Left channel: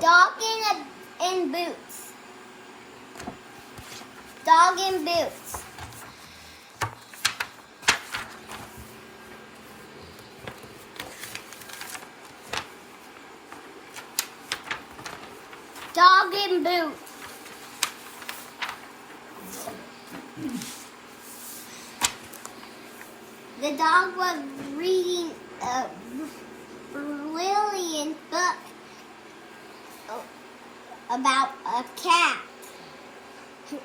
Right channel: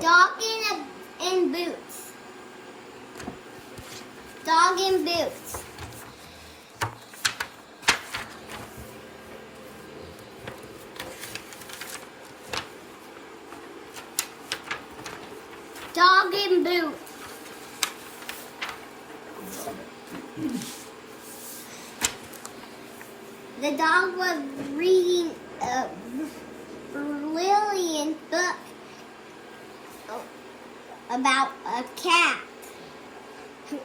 Dog in boots. Dog in boots. Dog in boots. The dog was reading a brilliant book about a cat who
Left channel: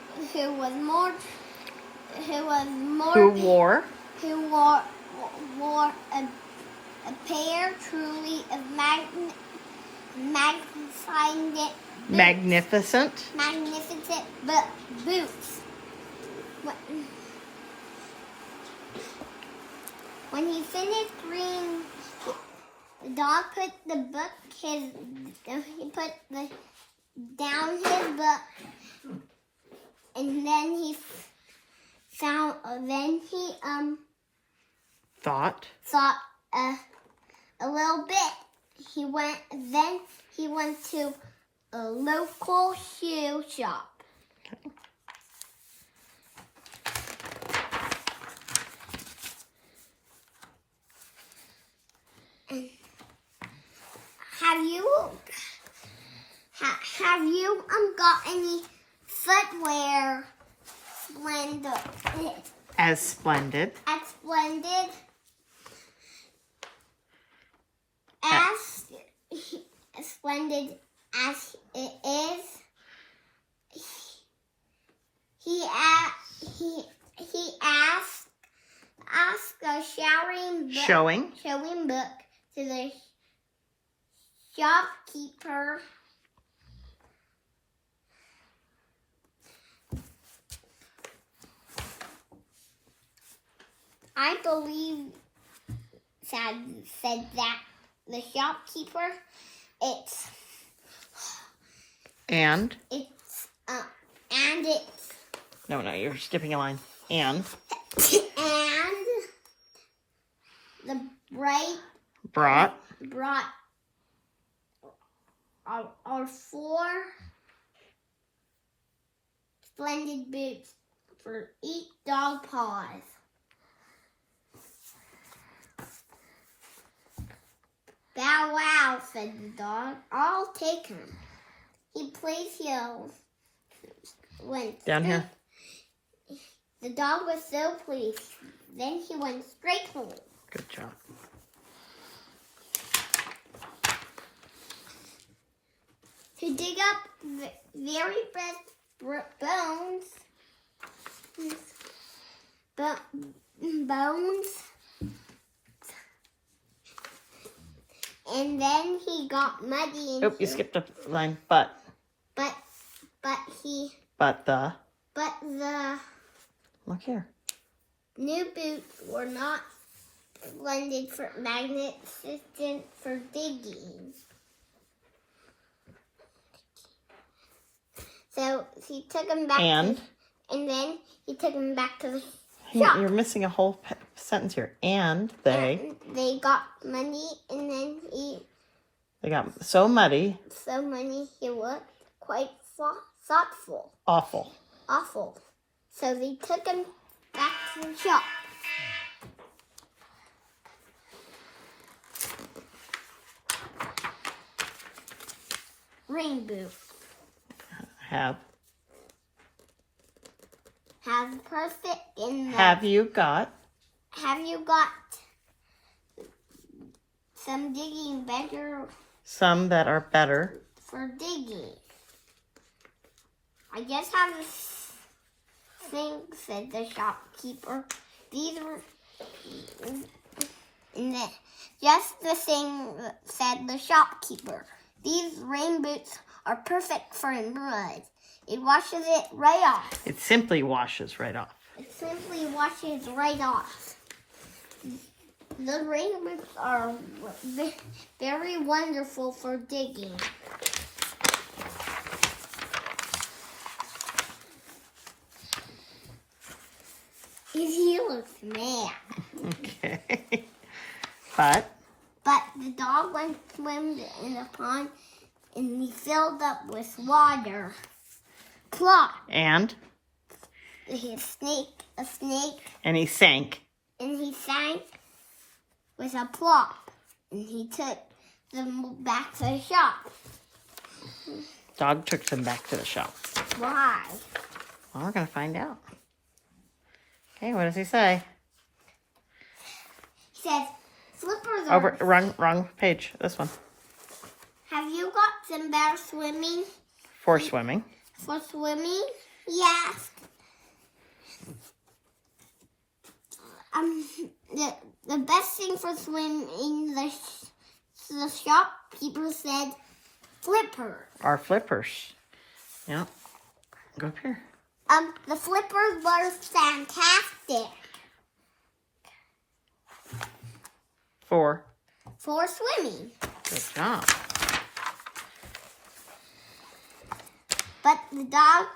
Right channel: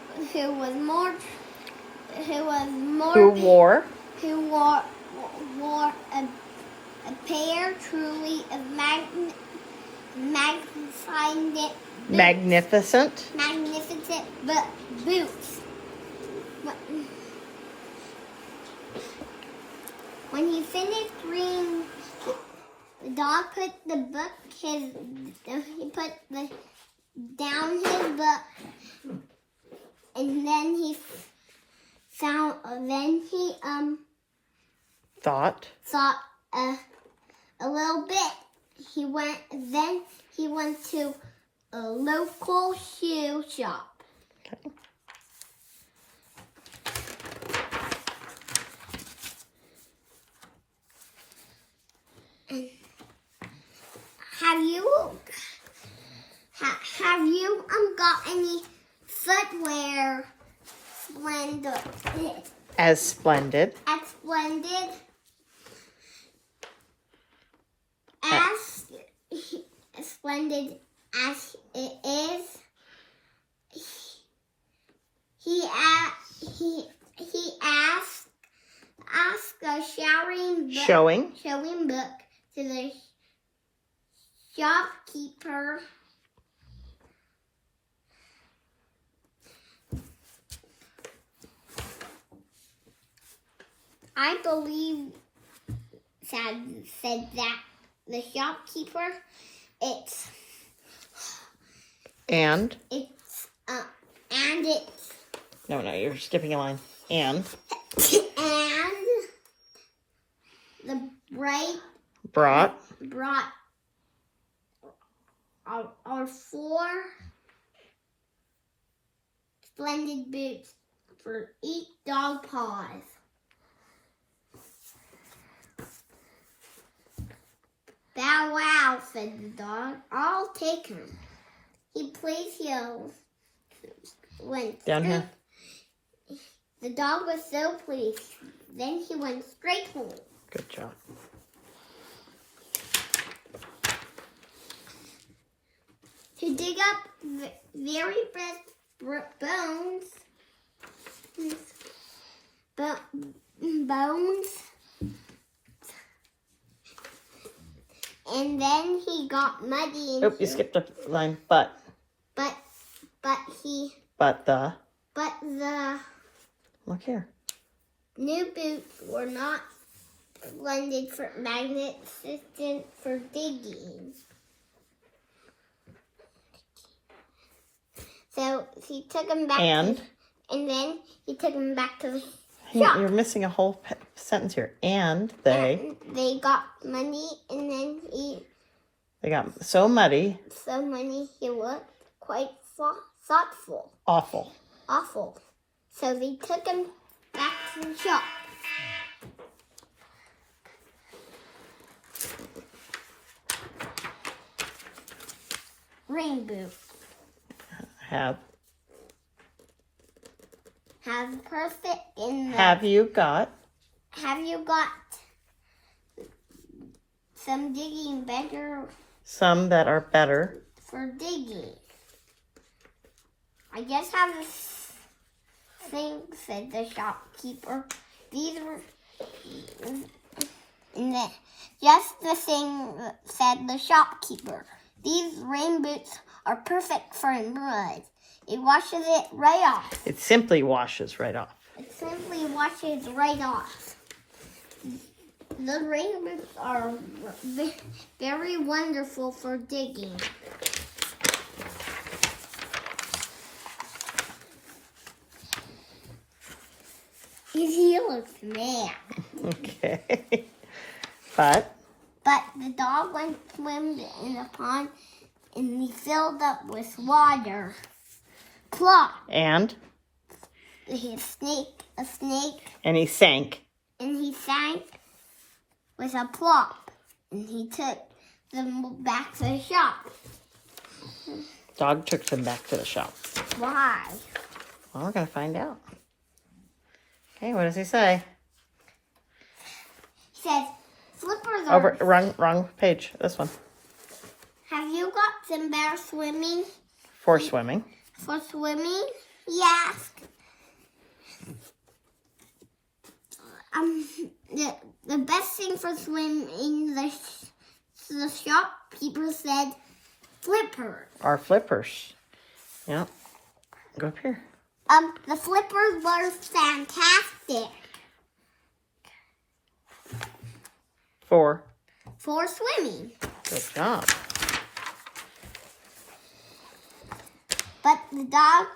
wore a pair truly of magnificent boots. When he finished reading, the dog put the book down his book, and then he thought a little bit. He went to a local shoe shop. Okay. Have you got any footwear As splendid as it is? He asked a showing book to the shopkeeper. I believe said that the shopkeeper. It's no, you're skipping a line. And the brought our 4 splendid boots for each dog paws. Bow wow, said the dog. I'll take him. He placed heels. Went down here. The dog was so pleased. Then he went straight home. Good job. To dig up very fresh bones. And then he got muddy. Oh, you skipped a line. But the look here. New boots were not splendid for magnificent for digging. So he took them back. And then he took them back to the shop. You're missing a whole sentence here. And they got money, and then they got so muddy. So muddy, he looked quite thoughtful. Awful. So they took him back to the shop. Rain boots. Have perfect in the. Have you got some digging better? Some that are better for digging. I just have a thing, said the shopkeeper. These are, just the thing, said the shopkeeper. These rain boots are perfect for mud. It washes it right off. It simply washes right off. The rain boots are very wonderful for digging. His heel looks mad. Okay. But the dog went swimming in the pond and he filled up with water. Plop! And A snake, and he sank. and he sank with a plop. And he took them back to the shop. Dog took them back to the shop. Why? Well, we're gonna find out. Okay, what does he say? He says, slippers are... Over, wrong page. This one. Have you got some better swimming? For swimming. For swimming? Yes. The best thing for swimming, the shopkeeper said, flippers. Our flippers. Yeah. Go up here. The flippers were fantastic For swimming. good job. But the dog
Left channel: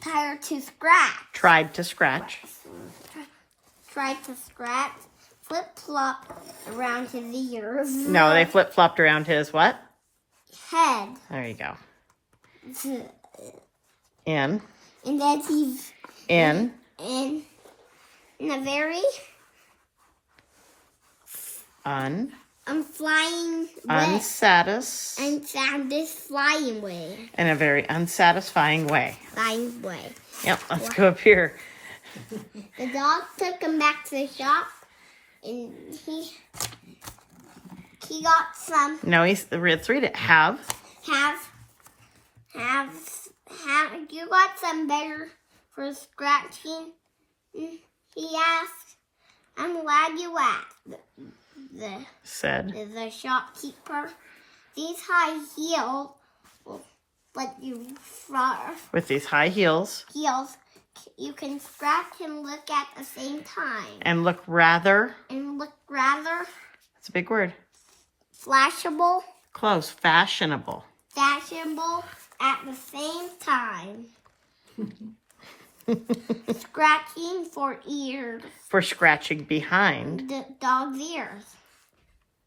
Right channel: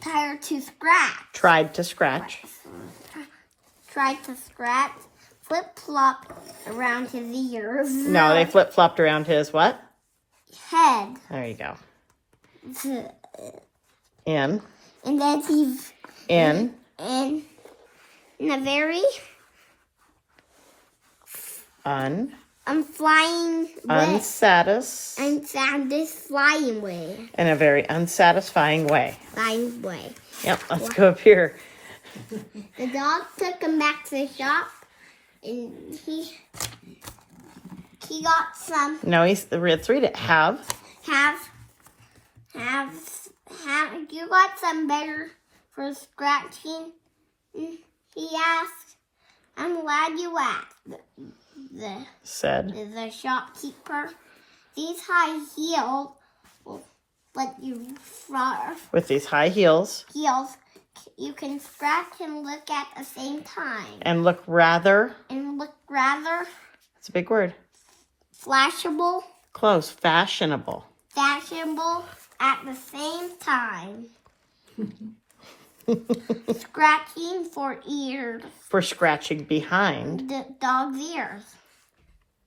tried to scratch, flip-flop around his ears. No, they flip-flopped around his what? Head. There you go. And In. then he's In. in a very flying way. Unsatisfying way. In a very unsatisfying way. Flying way. Yep, let's go up here. The dog took him back to the shop, and he got some. No, let's read it. Have You got some better for scratching? He asked. I'm glad you asked. said. The shopkeeper. These high heels will let you With these high heels. You can scratch and look at the same time. And look rather. It's a big word. Flashable. Close. Fashionable. At the same time. Scratching for ears. For scratching behind. The dog's ears.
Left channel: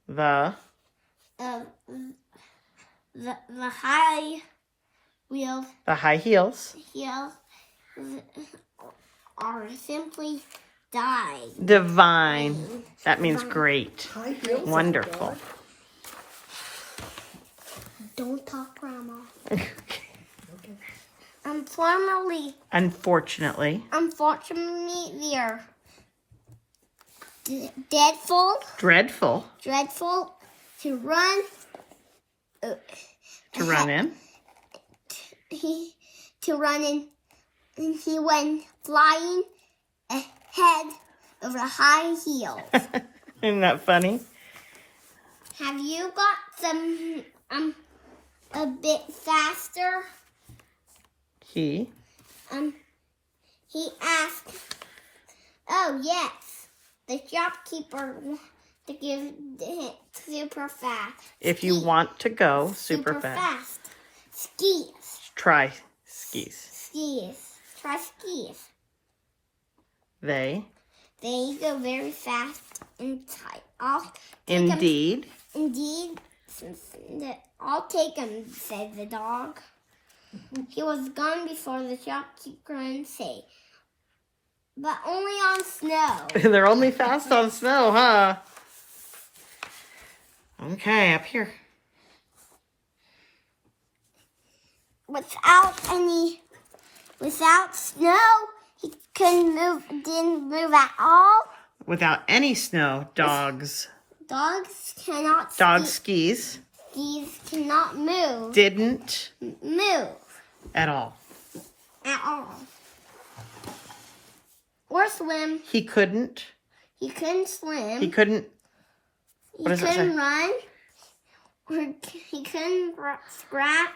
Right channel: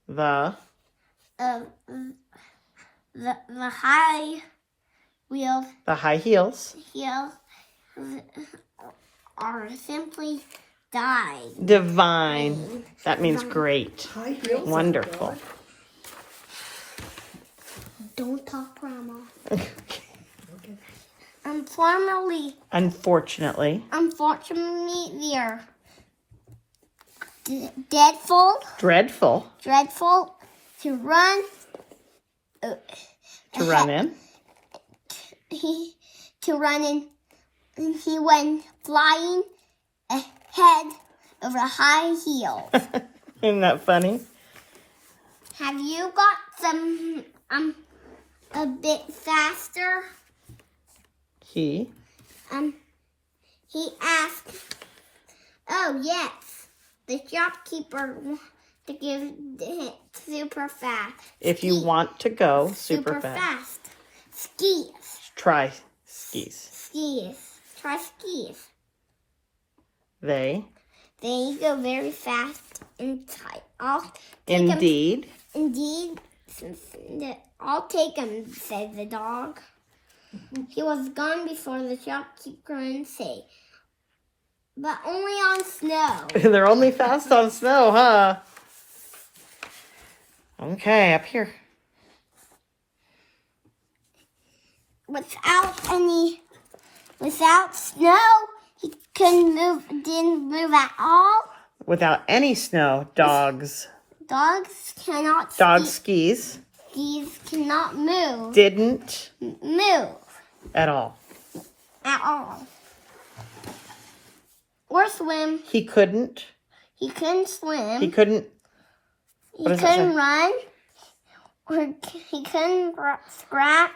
The high wheels. The high heels. Are simply divine. Divine. That means great. Wonderful. Don't talk, Grandma. Unfortunately, they are dreadful to run. To run in. To run in. He went flying ahead of a high heel. Isn't that funny? Have you got some a bit faster? He asked. Oh yes, the shopkeeper to give it super fast. If you want to go super fast. Skis. Try skis. Try skis. They go very fast and tight. Indeed. I'll take him, said the dog. He was gone before the shopkeeper could say, but only on snow. They're only fast on snow, huh? Okay, up here. Without snow, he didn't move at all. Without any snow, dogs cannot skis cannot move. Didn't move at all. Or swim. He couldn't swim. He couldn't run. Or he couldn't scratch.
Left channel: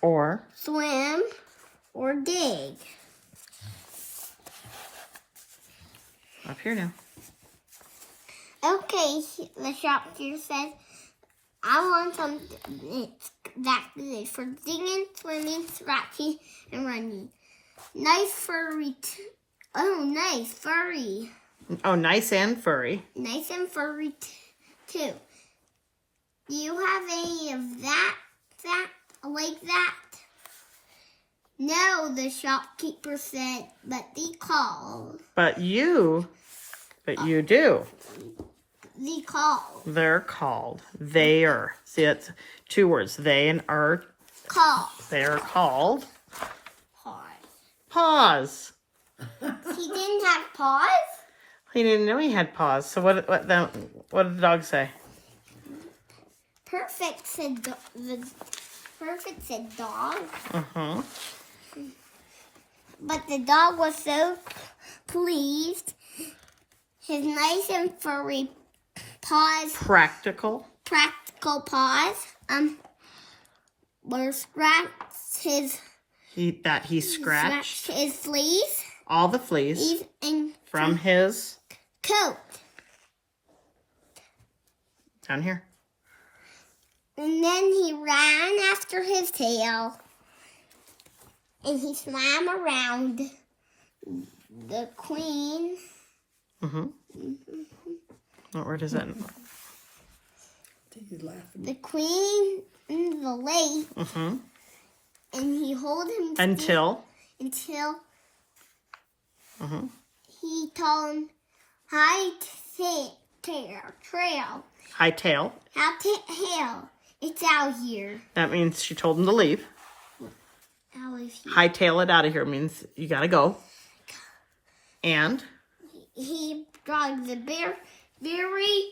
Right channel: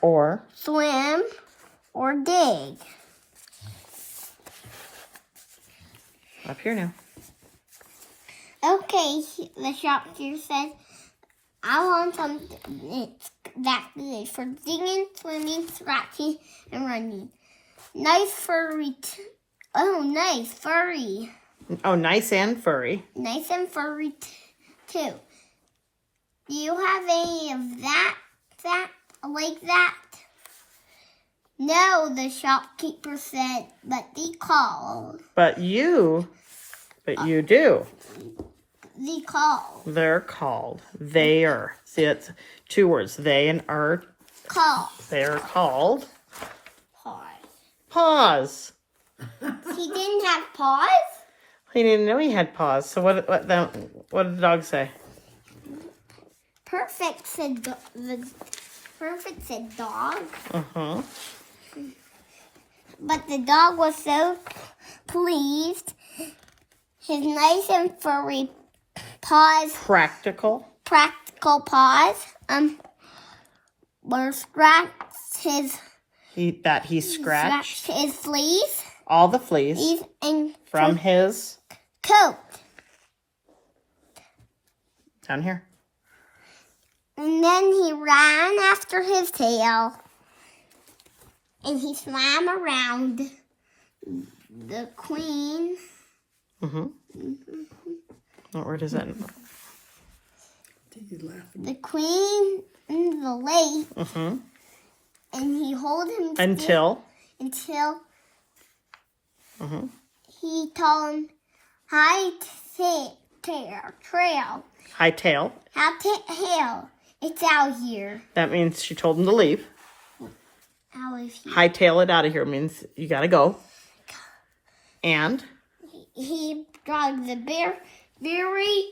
Or swim. Or dig. Up here now. Okay, the shopkeeper said, I want something that's good for digging, swimming, scratching, and running. Nice furry. Nice furry. Oh, nice and furry. Nice and furry too. Do you have any of that? that? Like that? No, the shopkeeper said, but they called. But you do. They called. They're called. They are. See, that's two words. They and are. Called. They're called. Pause. Paws. He didn't have paws? He didn't know he had paws. So what did the dog say? Perfect said Perfect said dog. Uh-huh. But the dog was so pleased. His nice and furry paws, Practical. practical paws, were scratched his He scratched his fleas all the fleas and from his coat. down here. And then he ran after his tail. And he swam around the queen. Mm-hmm. What word is that? The queen in the lake. Mm-hmm. And he held him Until. Mm-hmm. he told him, hi, trail. Hightail. Hill. It's out here. That means she told him to leave. Out here. Hightail it out of here means you gotta go. And He dug the very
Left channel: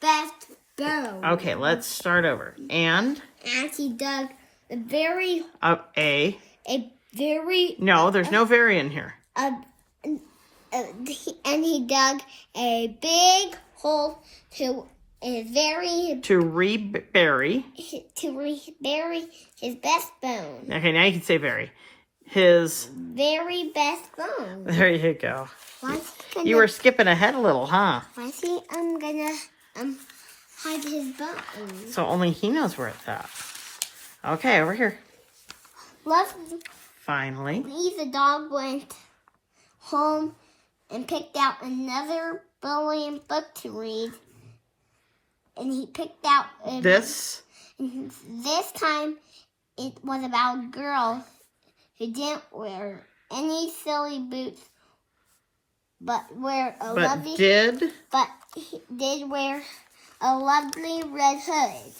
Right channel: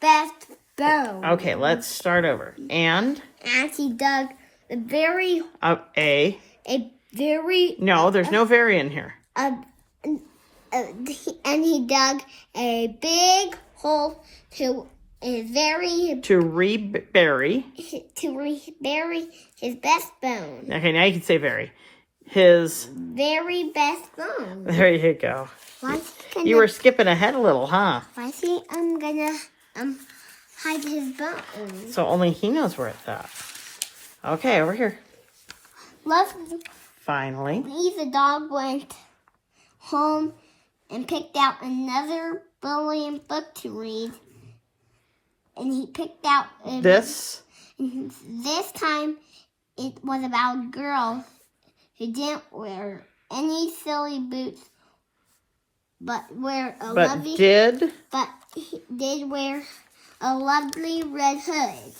best bone. okay, let's start over. And And he dug the very no, there's no very in here. and he dug a big hole to To rebury. bury his best bone. Okay, now you can say very. His. Very best bone. There you go. Why is he gonna, You were skipping ahead a little, huh? why is he gonna hide his bone? So only he knows where it's at. Okay, over here. Finally. The dog went home and picked out another brilliant book to read. And he picked out This. This time it was about girls who didn't wear any silly boots, but did wear a lovely red hood.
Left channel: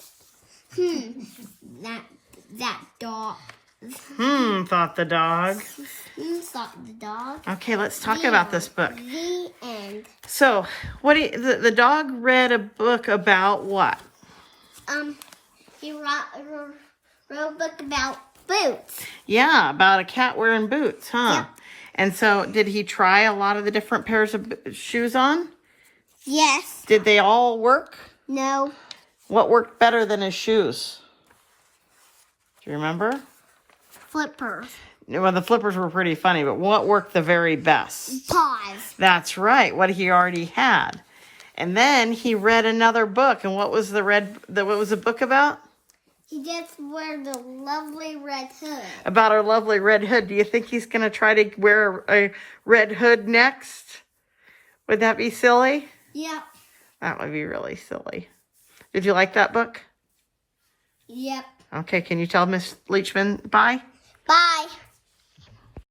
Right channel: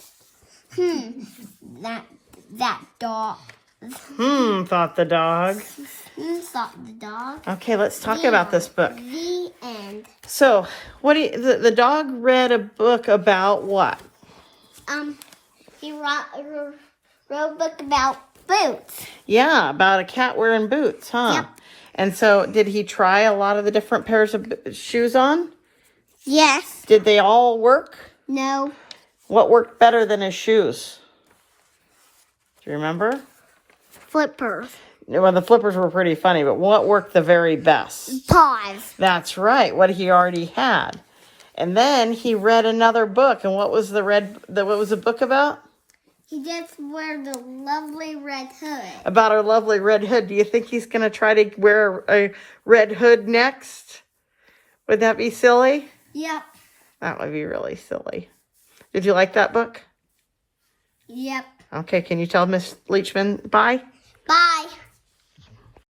That dog. Thought the dog. Thought the dog. Okay, let's talk about this book. The end. So, the dog read a book about what? He wrote a book about boots. Yeah, about a cat wearing boots, huh? Yep. And so, did he try a lot of the different pairs of shoes on? Yes. Did they all work? No. What worked better than his shoes? Do you remember? Flippers. Well, the flippers were pretty funny, but what worked the very best? Paws. That's right, what he already had. And then he read another book, and what was what was the book about? He just wear the lovely red hood. About our lovely red hood. Do you think he's going to try to wear a red hood next? Would that be silly? Yep. That would be really silly. Did you like that book? Yep. Okay, can you tell Miss Leachman bye? Bye.